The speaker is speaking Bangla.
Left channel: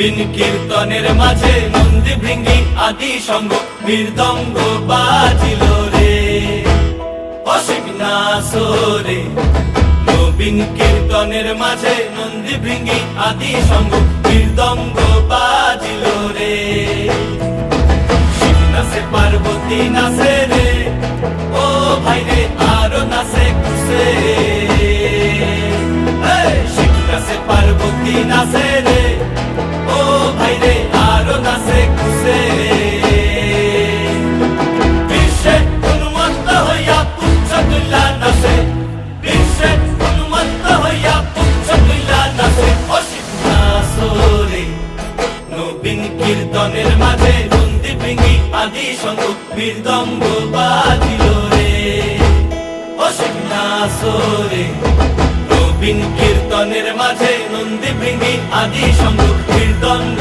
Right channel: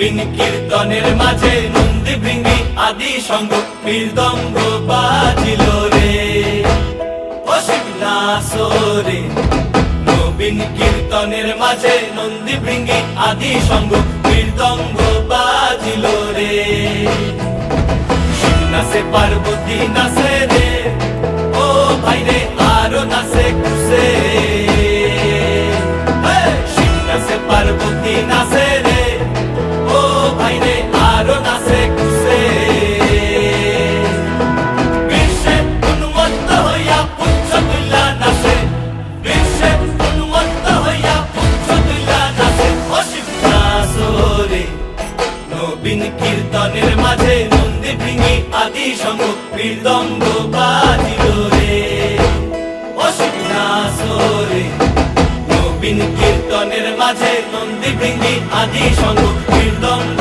নবীন কীর্তনের মাঝে নন্দী ভৃঙ্গি আদি সঙ্গ মৃদঙ্গ বাজিল রে অসিক নাসরে। নবীন কীর্তনের মাঝে নন্দী ভৃঙ্গি আদি সঙ্গ মৃদঙ্গ বাজিল রে। শিব নাচে পার্বতী নাচে রে, ও ভাই রে আরো নাচে খুশে। শিব নাচে পার্বতী নাচে রে, ও ভাই রে আরো নাচে খুশে। বিশ্বে উন্মত্ত হইয়া পুচ্ছ তুল্লা নাচে, বিশ্বে উন্মত্ত হইয়া পুচ্ছ তুল্লা নাচে অসিত নাচরে। নবীন কীর্তনের মাঝে নন্দী ভৃঙ্গি আদি সঙ্গ মৃদঙ্গ বাজিল রে অসিত নাচরে। নবীন কীর্তনের মাঝে নন্দী ভৃঙ্গি আদি সঙ্গ মৃদঙ্গ